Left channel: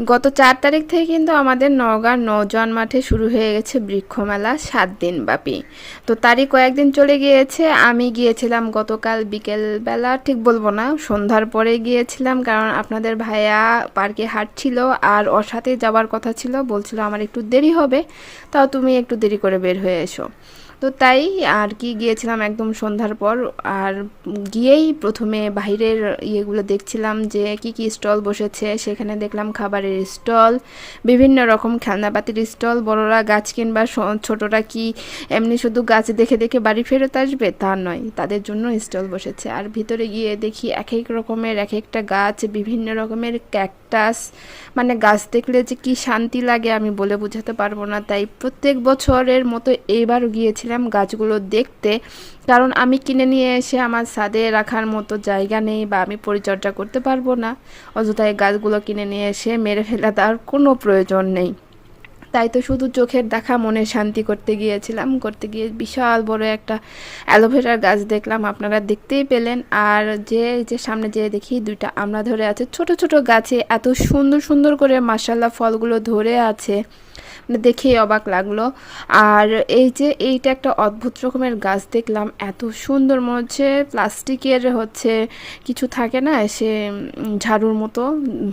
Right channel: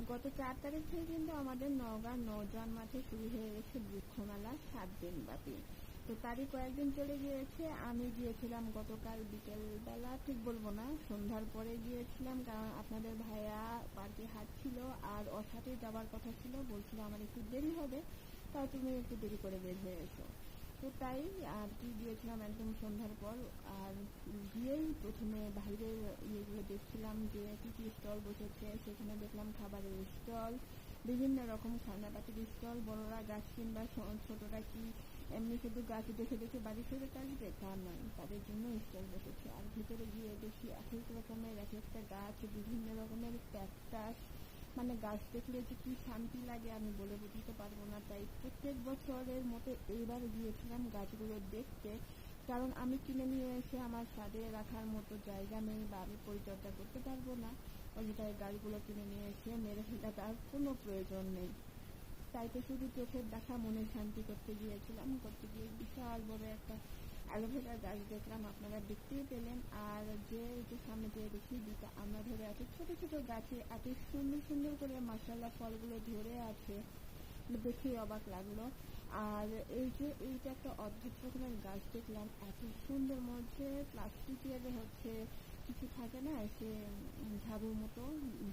গত চার তারিখ থেকে কিন্তু আমাদের নওগাঁর নৌজওয়ান মাঠে শুরু হয়ে গেছে বৃক্ষমেলা সাত দিন ব্যাপী। তো তারই কয়েকদিন চলে গিয়েছে। আমি গিয়েছিলাম গতকাল বিকেলবেলা ঠিক বলব না, সন্ধ্যার পরে গিয়েছিলাম কারণ আপনাদের ভাইয়া পার্কে হাঁটছিল আর ওর সাথে যাওয়ার কথা ছিল। বলছিল, আমার একটু দেরি হবে, তাও তুমি একটু দেরি করে বের হয়ে এসো। তো তাই আর কি গিয়েছিলাম একদম সন্ধ্যার পর। আর গিয়েই প্রথমে বাইরের ইয়েগুলো দেখছিলাম যে কি কি স্টল বসেছে। সেখানে দেখলাম খাবারের স্টল, বিভিন্ন রকম খেলনাপাতির স্টল, বড়রা গাছ কিনবা ছোটরা কি এমনি শুধু গাছ দেখে দেখে বাড়ি ফেরত আসবে? তা নয়, তাদের জন্য স্টল বসেছে। আর ভিতরে গিয়ে দেখি এক এক রকমের এক একটা গাছ, বিভিন্ন রকমের ক্যাকটাস। মানে গাছ দেখলে যে কি শান্তি লাগে আমি বলে বোঝাতে পারব না। তাই প্রত্যেক বছরের মতো এইবারও গিয়েছিলাম গাছগুলো দেখতে, কারণ আমি কিনে নিয়ে এসে আমার ছাদে রাখার মতো জায়গা নেই বা আমি পরিচর্যা করতে পারব না। অযথায় গাছগুলো কিনে নিয়ে এসে মেরে ফেলা তার কোনো প্রয়োজন নেই। তাই তো শুধু চোখের দেখা, মনে শান্তি করতে গিয়েছিলাম, করতে গিয়ে বিশাল বড় একটা অ্যালোভেরার গাছ দেখলাম, আপনারা দেখতেই পেলেন। আর যে যে সামনে যেয়ে দেখি দুইটা আমড়া ধরে আছে, ছোট ছোট গাছে এত সুন্দর সুন্দর করে মাসাল্লাহ ফলগুলো ধরে আছে। মানে দেখেই অবাক লাগল। আর এই যে এইটা একটা অদ্ভুত রকমের গাছ দেখলাম, এত সুন্দর মনে হচ্ছে প্লাস্টিকের হচ্ছে কিছু থাকে না, সে ঝাড়ুর মতো,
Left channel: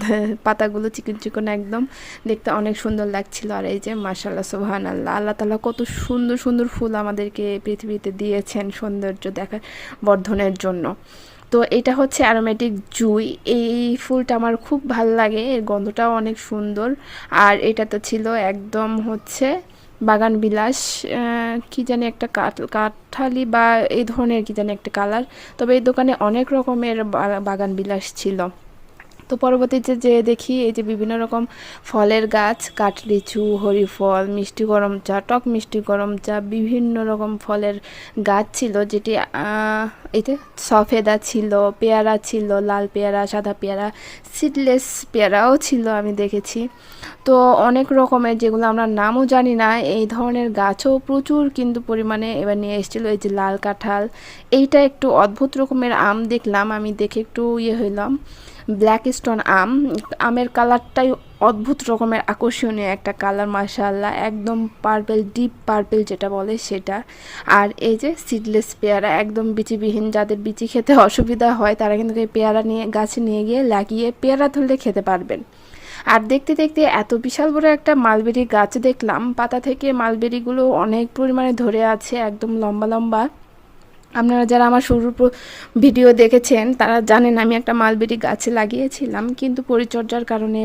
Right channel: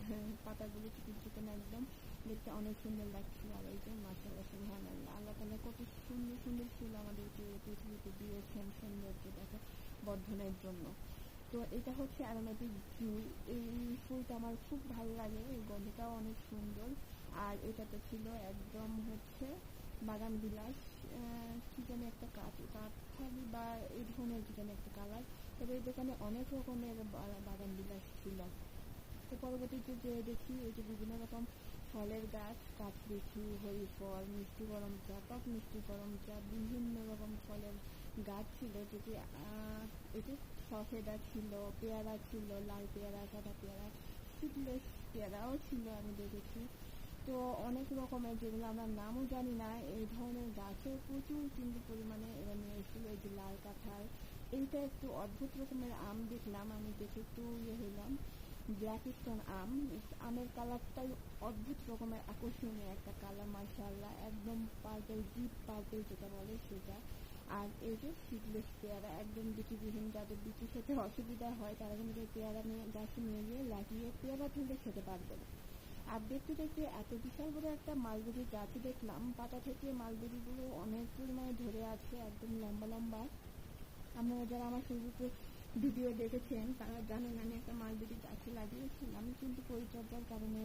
পাতাগুলো চিকন চিকন একদম। দেখতে অনেক সুন্দর লাগছিল। আর এই যে মাশাল্লাহ সোহান আল্লাহ আল্লাহ তালা কত সুন্দর সুন্দর ফুল আমাদেরকে পৃথিবীতে দিয়েছেন সৌন্দর্য দেখা বর্ধনের জন্য। তো এটা হচ্ছে অ্যারোমেটিক জুই। এই ফুলটা আমার খুব ভালো লাগে, এর গন্ধটাও অনেক সুন্দর। আর এটা তো ছিল একদম হচ্ছে বাগান বিলাস কি জানি একটা কাঠ, কাঠালি বা এই ধরনের কি জানি একটা কালার তবে এই দোকানে অনেক রকমের বাগান বিলাস ছিল। তো পরবর্তীতে যে দেখি, এই যে বিভিন্ন রকম ফলের গাছ, কাঠলিচু, হরিফল, মিষ্টি গরম চা, টক মিষ্টি গরম চা, বিভিন্ন রকম ফলের গাছ ছিল যেটি যে সফেদা ছিল, পেয়ারা ছিল, লাল পেয়ারা, সাদা পেয়ারা, সিডলেস পেয়ারাও ছিল আমি দেখেছি। তো অনেক রকমের যেগুলো আমরা নামও জানি না, এই ধরনের গাছও প্রচুর কিন্তু পরিমাণে এবার নিয়ে এসেছিল। এই যে লাল কাঁঠাল, এইটা একটু অদ্ভুত রকমের আম দেখলাম, আমি দেখে একটু ইয়ে হইলাম। ব্ল্যাক স্টোন আম। আমের কালারটাই অদ্ভুত রকমের, আকর্ষণীয় একটা কালার, মাশাআল্লাহ। একদম পার্পেল ডিপ পার্পেল যেটা বলে সেটা। আর এই যে সিডলেস পেয়ারা, একদম বিচিবিহীন। যাদের বিচি খেতে অসুবিধা হয়, তারা কিন্তু এই পেয়ারা নিয়ে, গাছে নিয়ে গিয়ে লাগিয়ে পেয়ারা ধরলে খেতে পারবেন। আর দেখতে দেখতে এত বিশাল বড় একটা মালবেরি গাছ দেখলাম। পাতা থেকে মালবেরিগুলো অনেক পরিমাণে ধরে আছে, একদম লম্বা লম্বা। আপনারা যারা আমার শুরুর ভিডিও দেখেছেন, তারা জানেন আমি একটা মালবেরি গাছে লাগিয়েছিলাম, কিন্তু পরিচর্যার কারণে